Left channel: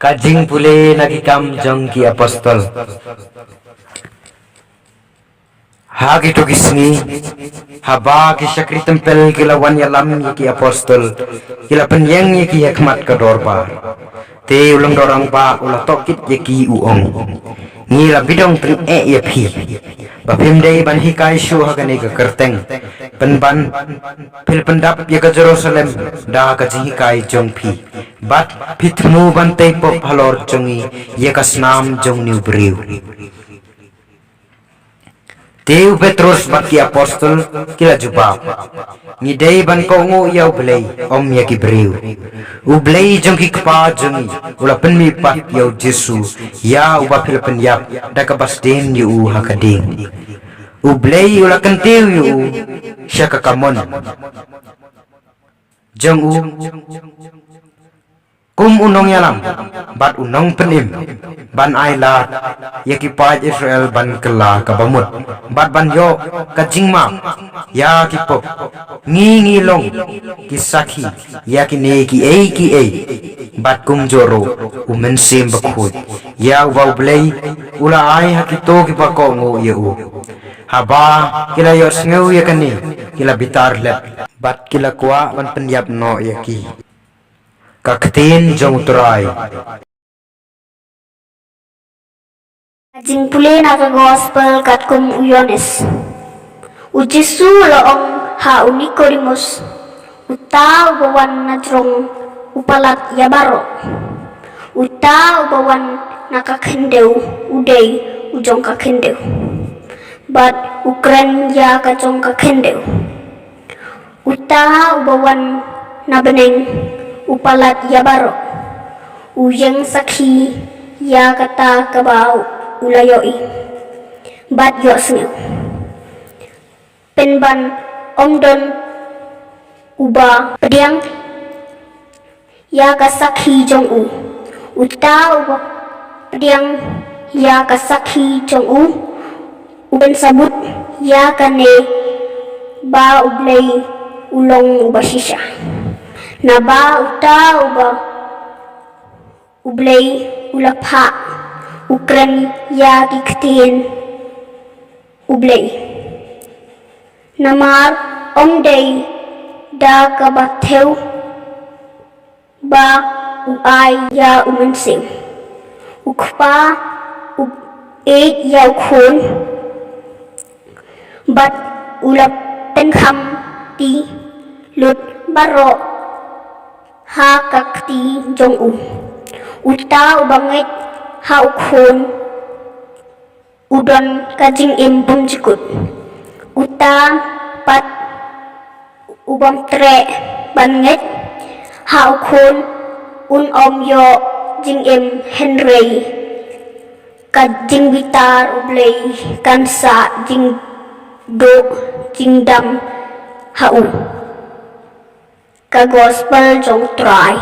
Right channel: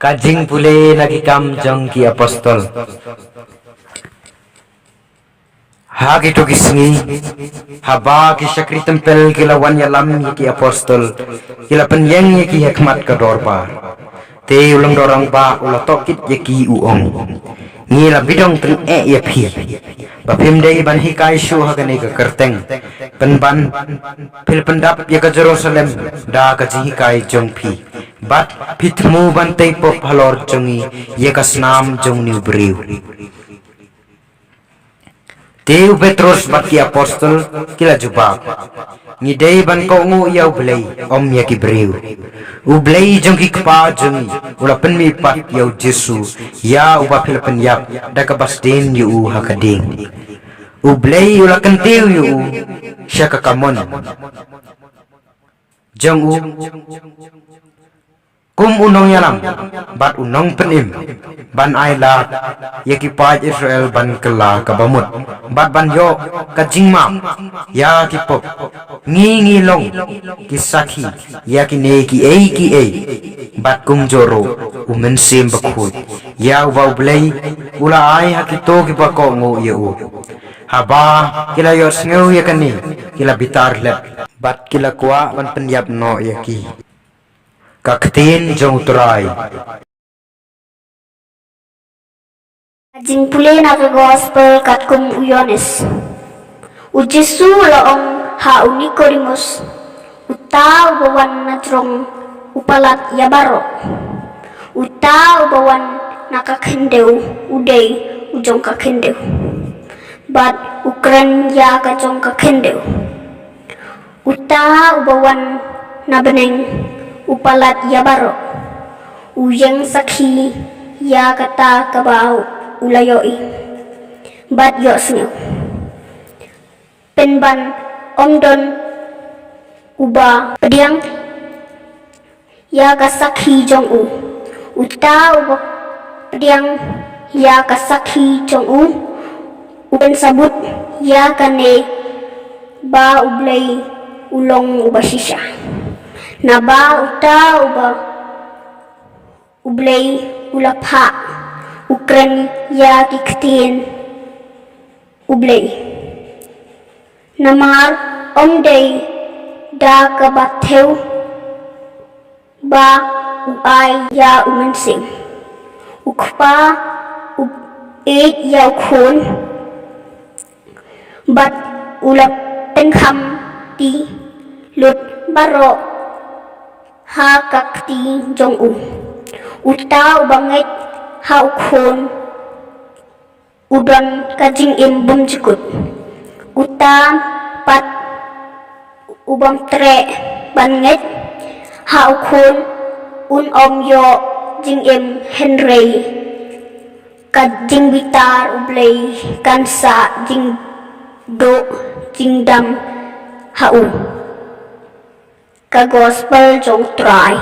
Kajing pule nagikam jong ki apostol. Hagi to kisngi haba ki syakri tempel kilawan yalam ki apostol kila penyeng ki hikmat ka dorbar te ulang dorang ba ula tokit ki uong ngila bidong teng ya phi bapim dei ban hikai shu hagane ka kerteng penban pil pendap ya ka Jerusalem da ka hikai jong phi bat pitmu ban te pop halor jongi ya ka snam jong niu briu Teu Petrus baki apostol kila jubab ngidei ban ko ngu ya ublei om ya ki briu ublei jong ki kpa jongi ula penmi pat ya Jesu ya uba Filipen yap da ka basden yu hakading ublei ula kentiu yu syaka kamon jong kum unong yalam bat unong penim ban ailat ya ki paj Israel ban kela kabamut bat ban yo kajing map ya ki pop ngi long ki sakhi ya ki ne ki ei bat kum joro umen sim bakhut ya wa blai ula ai hakito ki bako ngo ya u haba kila yo sneu ya kani kila bitar lep bat kila kwa ban penyap no ya ki kaktin jong turai Kajing pule na ka gospel kat kum uyones ujisu laong ha unikorimus uta ubawan na jrong upalat yabaro uta ubawan nakakhendeu udei ujong kakhendeu bat ukren ya ka jong kakhendeu uta ubawan na beneng upalat yabaro uyang sakhi ya kata kabau ulayoi bat yo sneu penban omdon uba pediang ya ka sakhi jong uta uba pediang ya ka sakhi jong uben sabut ya kane ba ublei ulong uba shisha na ba uta uba ublei ulapha ukren ya kiktin ublei namar omdei da kabatheu ba uai ya umensim ukpa ya ukhun bat ulap penkham ti lut baro ha kakti jong uta ubanget ha ukhun udon kajing bum jikut uta pat ubam tre banget ha ukhun om yo jing Henry kajing bitar ublei kansa jing do jing dam ha ka gospel jong try